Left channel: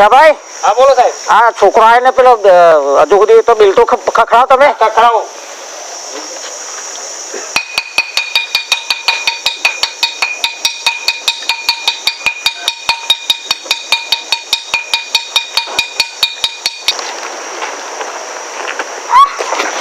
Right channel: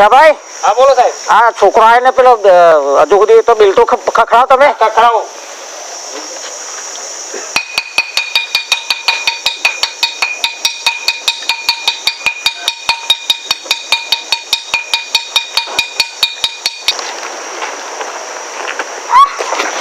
રસાભાઈ હા બોલો સાહેબ. આ છોકરો આવે ને પેલો હજુ સુધી તો બિલ તો ખખડાવો તમે. ખખડાવો.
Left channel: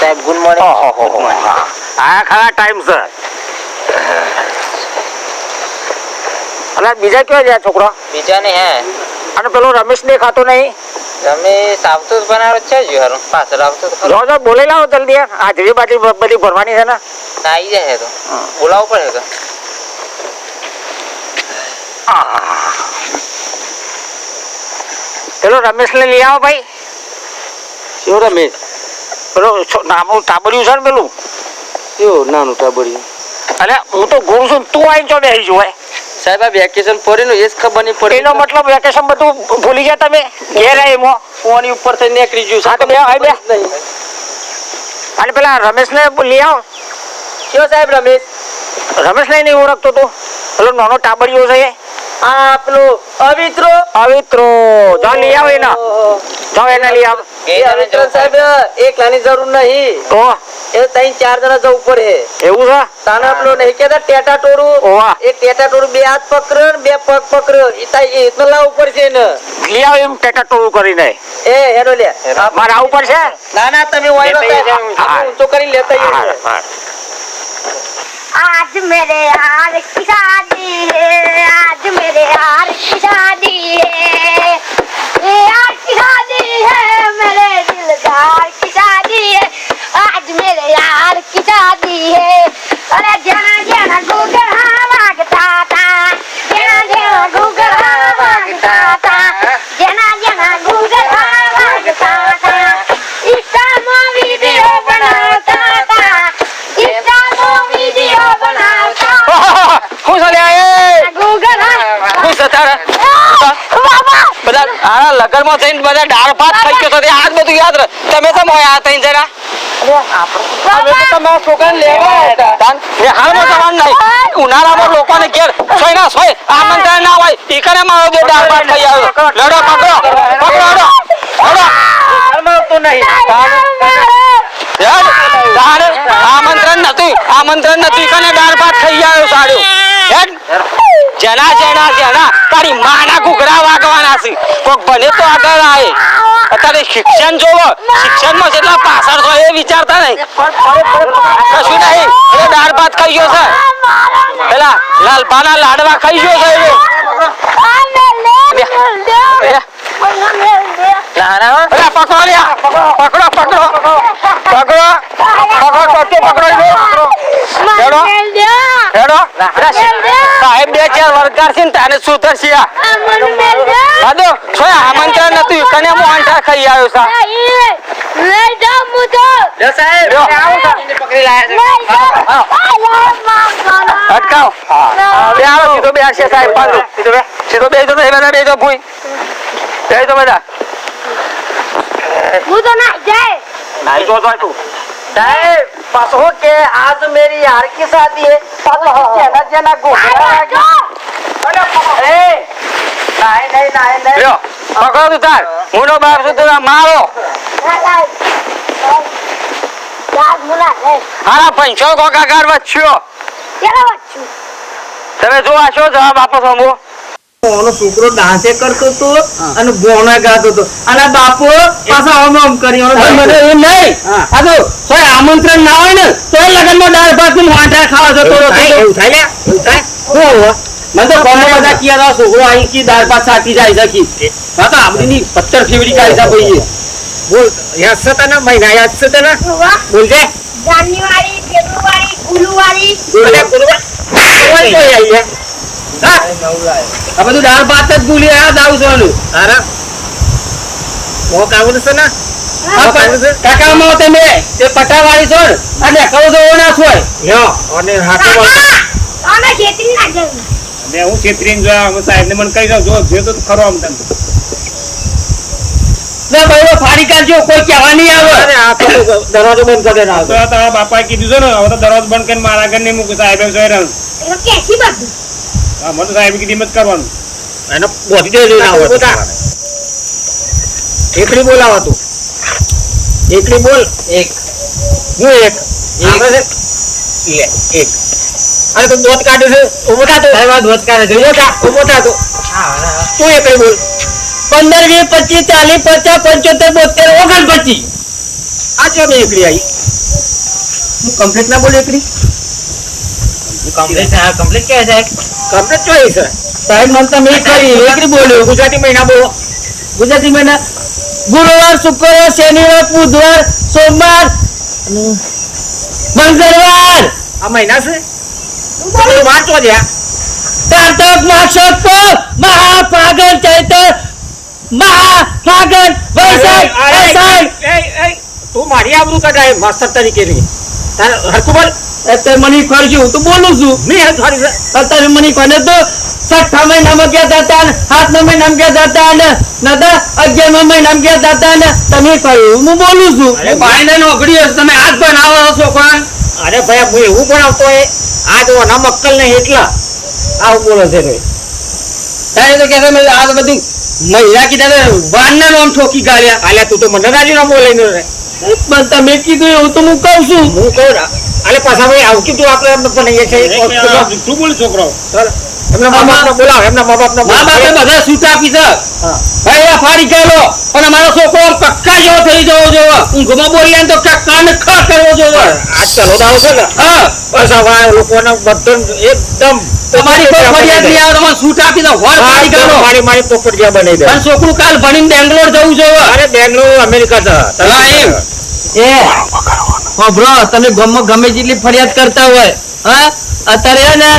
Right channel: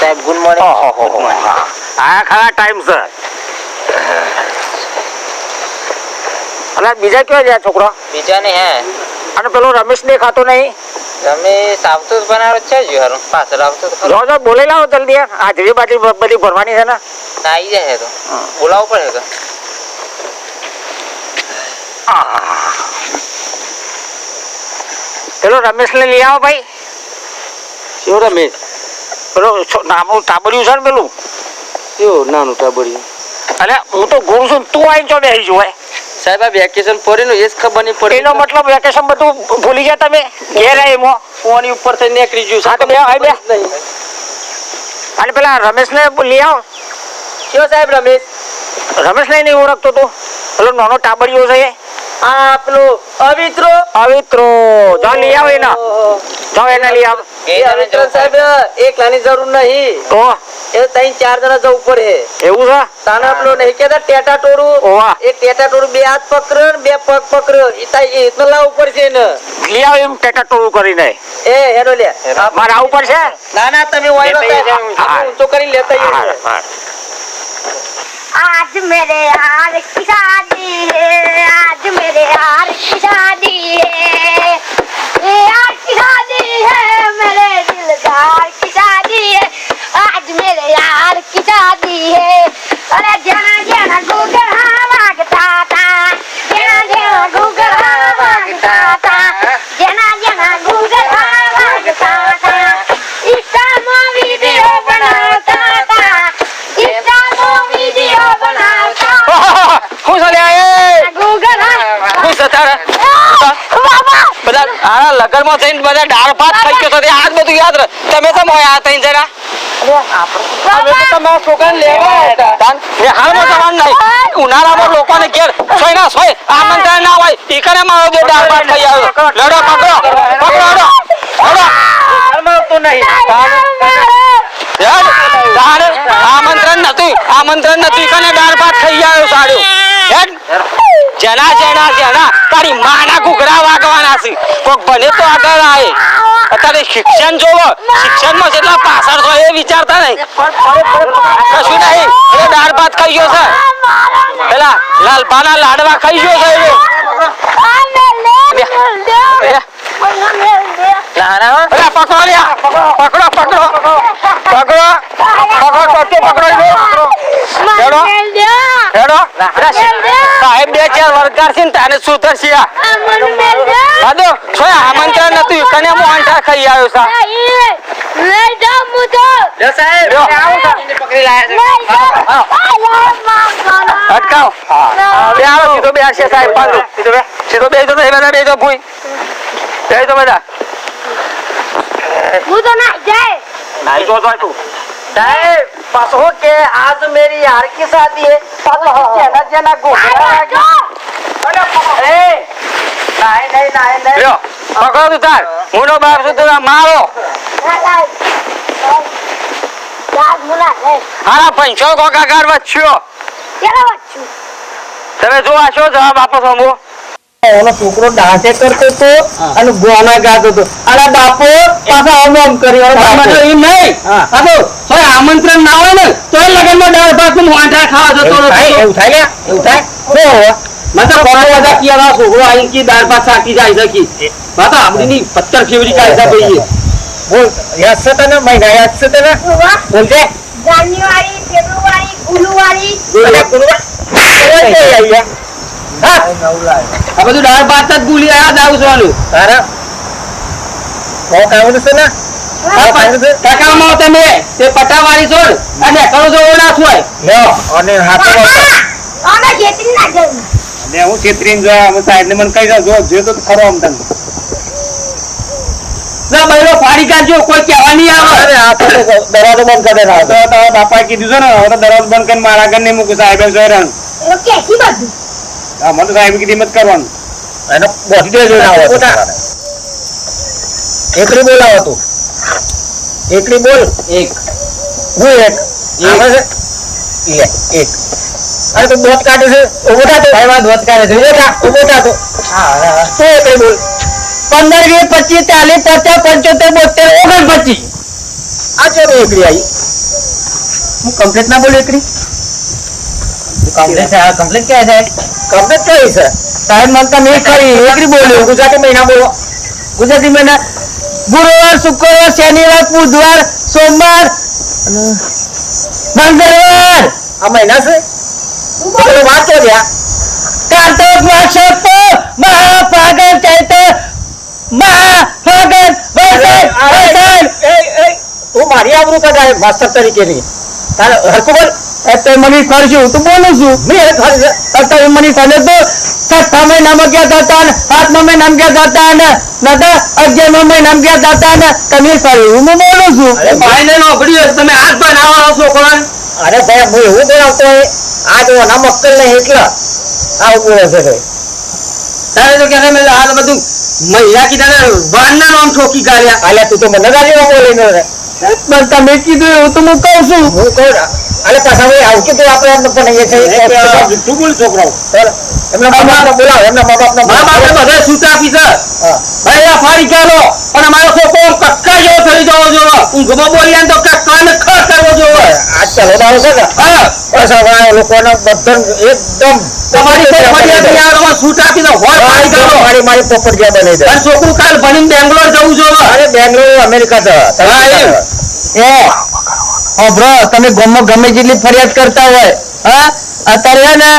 સાહેબ ગુડ મોર્નિંગ. હા ખરા ટાઈમ સર. અને બીજા કેવા જાય છોકરો? બીજા ને હે અને પેલો રમેશ દેખાતો નહીં. રમેશ આવતો જ બનાવો છે જ હારું પાછળ આવતો તો જો જો બોલી લાવો જલ્દી. હાજરી બાજરી બધી ભરવાની છે ને. આવી જાય તો બોલાવવું પડે તો. પેલો રમેશ ને લઈ આવો ભાઈ. શું રમેશ? પેલો નાનું ટાબર્યું છે ને પેલું. શું નાનું ટાબર્યું? અને હું તો ગુરુ છું, તું આવીને જો બેસી જોવાય. સાહેબ આ વેકેશન પડ્યું ને એ જ ખબર નહીં પડી. એનો મતલબ વેકેશન બધું ભૂલી ગયા તમે. ઘેર એમાં ફોન ઉપર થઈ નીકળી ગયું. હા તો બે ભાઈ બે. અને પેલા રમેશ ને લઈ આવો. શું સાહેબ રમેશ? રમેશ ને નહીં ઓળખતો તું? પેલો નાનો ટાબરિયો છે. આ પેલો અવિત્રો. અવિત્રો જો લઈ આવો એને. જો એને લઈ આવો. એ અવિત્રો સાહેબ એકલાની જરૂર નહીં. તો એ 3-4 જણા જવું પડે. એવું છે? તાના પેલો નહીં કેતા ટેટા ટોરું. ઓવા એ ટેટા ટોરું 2 હાથ પકડ્યો ને 2 પગ પકડ્યો. એ તો લાવવું પડશે ને. લઈ આવો એમ ટેટા ટોળું કરીને. એ હેરો લે. મારે આવું પડશે. ના ના તમે વાયરો સાહેબ ઊંચો કરી લેતા આવીએ. आज मेरे यार की शादी है, आज मेरे यार की शादी है, ये यार की शादी है, मेरे दिलदार की शादी है, आज मेरे यार की शादी है. अरे जना जना घूंघरा मांगता था, जना जना घूंघरा मांगता था, जना जना घूंघरा मांगता था, इंस्टा वीडियो बनाता था, इंस्टा वीडियो बनाता. ખુશ અલ્યા એ ઘૂંઘરા ખુશ હતા બધા. આ લગનમાં થઈને બધા દાળ ભાત ખાઈ ગયો તો આજ બધું યાદ રહે. તમે તો મોય આ ત્રણ જણા અમે તો તમારા છોકરાને લેવા હતા. હાલમાં જવાનું નહીં. ઉનાળામાં લોકોને ઘેર સોય ના સોય આમંત્રણ ના હોય ઈ કરે મારો જે દાળ ભાત ખાઈ આવ્યો. લડો પકડો પકડો લડો હાલમાં તો નહીં. આમંત્રણ નથી કને દાળ ભાત ખાઈ આવ્યો સાડ્યો. જેના જેના જેના તારી માના ઘૂઘરા વાગવાના છે. કોક ભલે તો આગળ આવે. અત્યારે શિક્ષણ જોવો, શિક્ષણમાં જેટલા પાછળ છો એ વિચારતા નહીં. કશું નહીં. એ દાળ ભાત ખાઈ ગયો છે. પેલા લાલભાના લાડવા ખાઈ ગયો છે. પકડો લ્યા પકડો પકડો પકડો પકડો હેડો સાહેબ 2-4 વર્ગાર છે ને તાને સુધરશે. આમંત્રણ નતું કને મોહનઠા ખાઈ આવ્યો સા. લે સાહેબ પકડી લાયા અટકાવ. સીધો બેસશે સાહેબ. પાંડુ સીધો બેસજો તો એના બેસજો ભૂઈ બેસજો બધા. હું તો ના જાય. નાઈ જો તું साहेब पासो के आज मेरी यार की शादी है. जना जना घूंघरा ए नहीं नहीं नहीं લ્યો પકડો તું તાર. હું નો બાપ છું તું મારો. હારા પંચો ગોગાકાર વચ્ચ્યો તમે જોવા છો જવાબ આપો છો. હું ઓનો છોકરો ડાન્સે કરતો તો અને ગોના ગાતો તો અને બાપો પાછા આમ આમ કર્યો. મને એમ નહીં. આ તો સોય આમંત્રણ ના હોય ને તો લગનમાં દાળ ભાત નું વાંઢા ખાવા જતો રહો. એવું થાય લે એવું થાય. મને તો કોમો બધા કિયા છોકરો અહીં કી દાળ ભાત સાકી જાય સકી. હા તો આપણી 15 ફેબ્રુઆરી કાયદા ભાઈ બોલ. યાદ છે તને મહિના યાદ છે તને? બોલ દે. જાન્યુઆરી ફેબ્રુઆરી ગુરુવારી આ બધું દાળ ભાત જ ભૂલી યાદ આવવાનું તારા છે ને. કાકામાં તમે તે પટાવાળી છો અને કરો છો ના હોય અને અમે ખેતરી ના જવું. અને હું છેતરીને જોયા અમે સાહેબ ને મને કહી દો જો તો ખરો આમ તને. ના ભાઈ ફાડી કાઢજો કોઈ કહેવા નહીં આવે. આ તો દરવાજો બંધ કરી દેના. તો તારા બાપાએ કીધું છે ને હવે તો દરવાજો બંધ કરીને મારા ઘર નહીં મૂકું સાહેબ જોઈ રહ્યું. એ કેસી બધું મને તો સાહેબ કીધી મત કરવાનું. એને બોધી દેજો ના હોય એકડી બોલાવો તું એકડી બોલ એક હું એક આવે છે લે એક અરે તું દોત કાઢે છે ઉભો થા તો સાહેબ દોત કાઢે છે ઉભો થા તો તું એકડી બોલ 15 20 25 40 50 75 72 29 આ છે ને એકડી આવી હું કમ્પ્લીટ ના બોલ એકડી કમ્પ્લીટ કે છે કમ્પ્લીટ કઈ છે સાહેબ મને તમે કરી એકડી બોલ્યો ગુજરાતી મહિના બોલો ગુજરાતી મહિના ગુરુવાર શુક્રવાર શનિવાર બુધવાર સોમવાર અને મંગળવાર આ મહિના છે વાત તો દ્યા કાર્તક માક્ષર મહાફાગણ ચૈત્ર મહાફાગણ વૈશાખ તું મારી આબરૂ કઢાય માસ્ટર તરીકે ની તારે હરખું બોલ તે મને ખર્ચ્યું તું બોલું છું તમે મને ખોલે તો 6 મહિનામાં ગયા હતા ને 7 મહિનામાં ગયા હતા ને નતા 11 મહિનામાં ગયા હતા ને તમે કર્યું હું બોલું છું ભાઈને નોકરી હશે તમે હાથ બનાવો છોકરા અરે ભાઈ હું એવું બનાવતો હોય આ જો ના મક્કલ નહીં એટલા આવું બોલે છે ભાઈ તારે તો કે આ બધું મહિલા કીધા વાનના નામ ઠોકી ગાળ્યા અલ્યા તું તો મને ગાલી નામ બોલે પણ તમે કીધું એવું તો હું કહું છું હું કહું અલે પાછા ભાઈ આવું કીધું આપણે એમને પણ છે તું બોલ છોકરાઓ એમને બોલાવો એમના મા બાપને બધા સૂટ આપી છે ભાઈ આ ફાડી કાઢો અને મારો છોકરો કક્કા જેવો થઈ જવો જોવો ઊંઘમાં બોલ્યા તો કક્કા ને ખ કરવો જોવો આજ ચાલો દાવ છે ને હા બસ આ લોકોના બધા એકદમ તમારી ફરિયાદ ની આવે સૂટ આપી દો હોય ફાડી કાઢો મારી પોપટિયા બનાવી દે અને છોકરું કાલ ભણીને બેંગ્લોર જવું જોવો અરે બેંગ્લોર અમેરિકા છે હા એ ઓ બ્રો તમે ગામમાં ગમે જેટલી ફરિયાદ કરતા હોય હા અત્યારે ને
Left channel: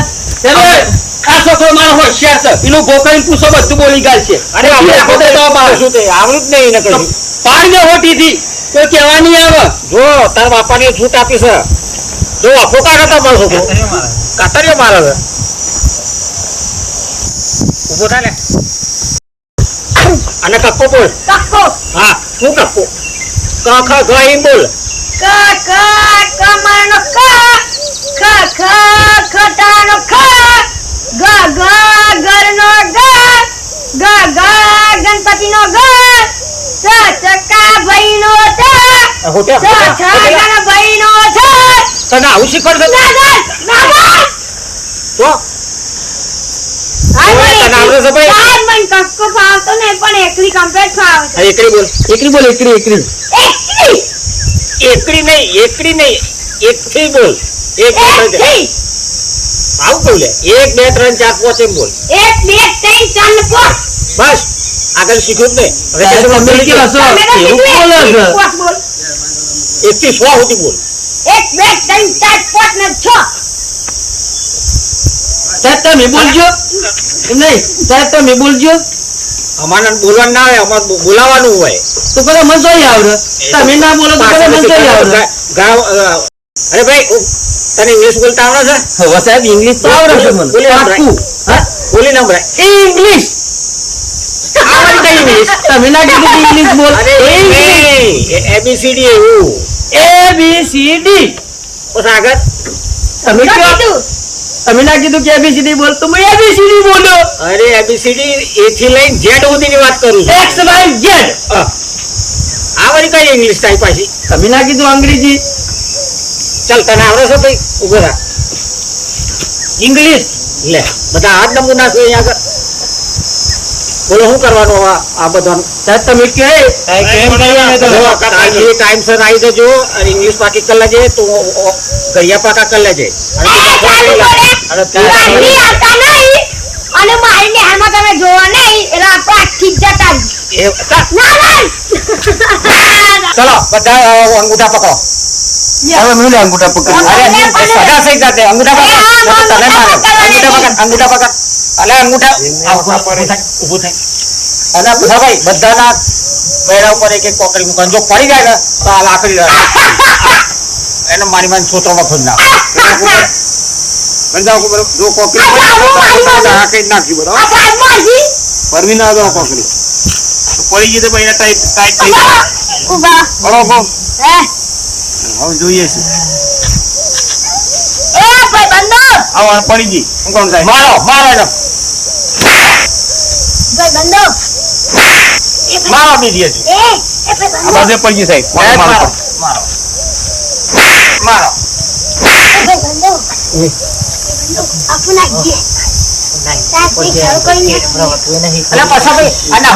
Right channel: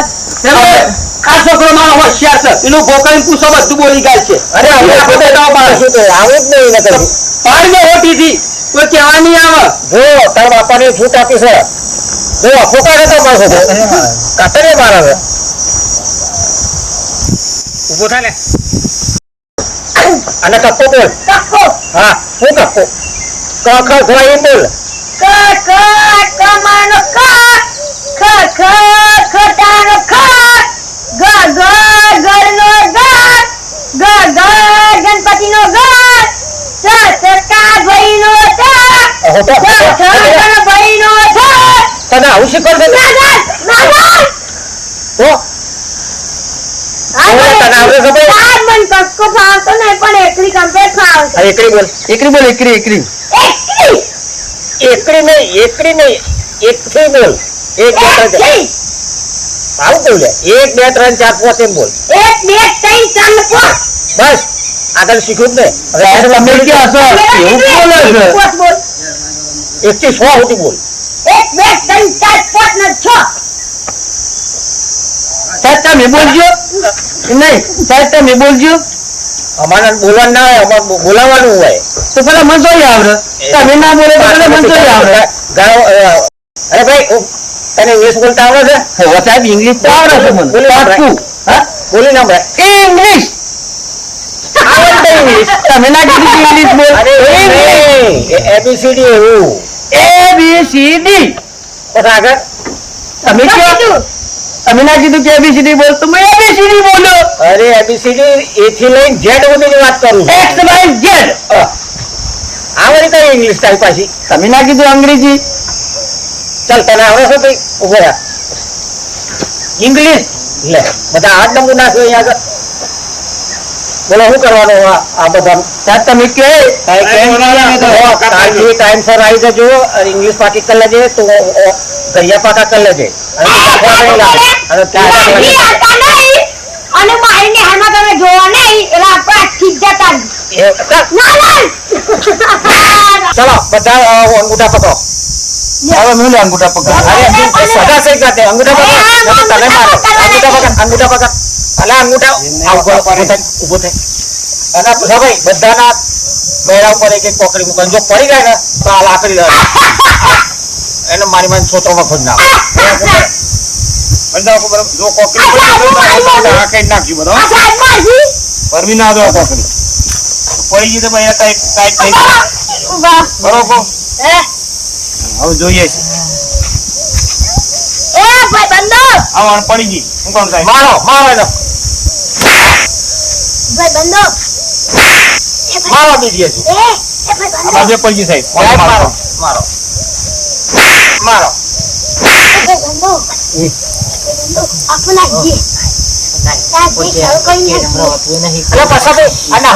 આ છોકરો મારો હોશિયાર છે એનું ગોકળી પૂછો બધું બોલી ગાય છે અરે શું તો આવે જ નહીં ને પાડ દે હોટીથી કોઈ કહેવા નહીં આવે જો તારા બાપાને છૂટ આપી છે જો ફોટા કરતા પાછો કાતરે મારે છે ઉભો થાય ને અને કક્કો બોલ કક્કો હા હું કક્કો ક ખ ગ એમ બોલ ક ક કમાનો ક ખ ખ ખટાનો ખ ગ ગ ગળનો ગ ગ ગ ગણપતિનો ગ ચ ચકા ભાઈનો ચ ચ ચ ગણ ભાઈનો ચ તને આવું શીખવાડશે તો તને આવડે છે ભાઈ આ મન કક્કો ફાવતો નહીં પણ એકલી કમ્પ્લીટ ફાવતો એકરી બોલ એકરી એકડી નહીં એકથી બોલ એક બે ત્રણ આવું બોલ 1 2 3 4 5 એમ બોલ 1 2 3 4 5 બસ આગળ શીખ્યું જ ને હવે તમે કે હશો એવું બોલે છે બોલ 1 થી 6 સુધી બોલ 1 2 3 4 5 ને 6 સાહેબ તમે બોલજો નહીં સાહેબ તમે બોલજો અમારે બોલવાનું ના હોય અમારે બોલાવાનું હોય તો પેલા મને જોઈ આવડે તમે ના બોલો તો પેલા મને જોઈ આવડે અરે ભાઈ તને ઇંગ્લિશ બોલતા આવડે છે હવે સાહેબ ઇંગ્લિશ તો આવડે છે મને પાક્કું હા બોલી ના ભાઈ ઇંગ્લિશ આવડે ઇંગ્લિશ તમે ના કીધું કે ઇંગ્લિશ બોલ ઇંગ્લિશ એબીસીડી એવું એબીસીડી પછી આગળ તમે કયો તમે ના કીધું કે એબીસીડી બોલ તો મેં એબીસીડી બોલ્યો અરે એબીસીડી એ થી લઈને ઝેડ સુધીની વાત કરું છું એક્સ વાય ઝેડ આવડી કઈ ઇંગ્લિશ તારી પાછી તમે ના કીધું અંગ્રેજી ચાલ તને આવડે છે ભાઈ ઉભો રાખ ઇંગ્લિશ લે બધા હાથ નંબર નાખ્યો અહીંયા આગળ બોલો શું કરવાનું આ બધા સાહેબ તમે કે ટાઈમ સર આવી જજો અને ઇંગ્લિશ પાકી કરી લેજે તો ગરિયા પાકા કરી લેજે અને મારીને હાલમાં તમે જોવા નહીં એટલે આપણે આખી જતા ચલો બધા અંગૂઠા પકડો હવે મેં અંગૂઠા પકડ સગા સહી જાતે અંગૂઠા પકડ અંગૂઠા પકડ અલે અંગૂઠા ઉભો થાય અને બધા ભાઈ બધાના પેડા ઉપર એક એક કોકરી મૂકવાનું જો પડી જાય ને તો આ લાકડી એને મારી મારી છોતરામાં ખોદ નાખ જો કોકરી કઈ નાખ્યું બરાબર પરવી ના દો કોકરી પડી ગઈ તો ભાઈ ટાઈટ થઈ હવે જોઈએ છે ભાઈ બંધો હા પડી ગઈ હું કોણ થાય મારો મારો ભાઈ બંધો મારો બીજી હજુ એ ભાઈ બાજુ પડી ગઈ સાહેબ મારો મારો મારો બંધો આપના જે સાહેબ દેખાવ કોઈ નથી અરે પાછો ભાઈ આના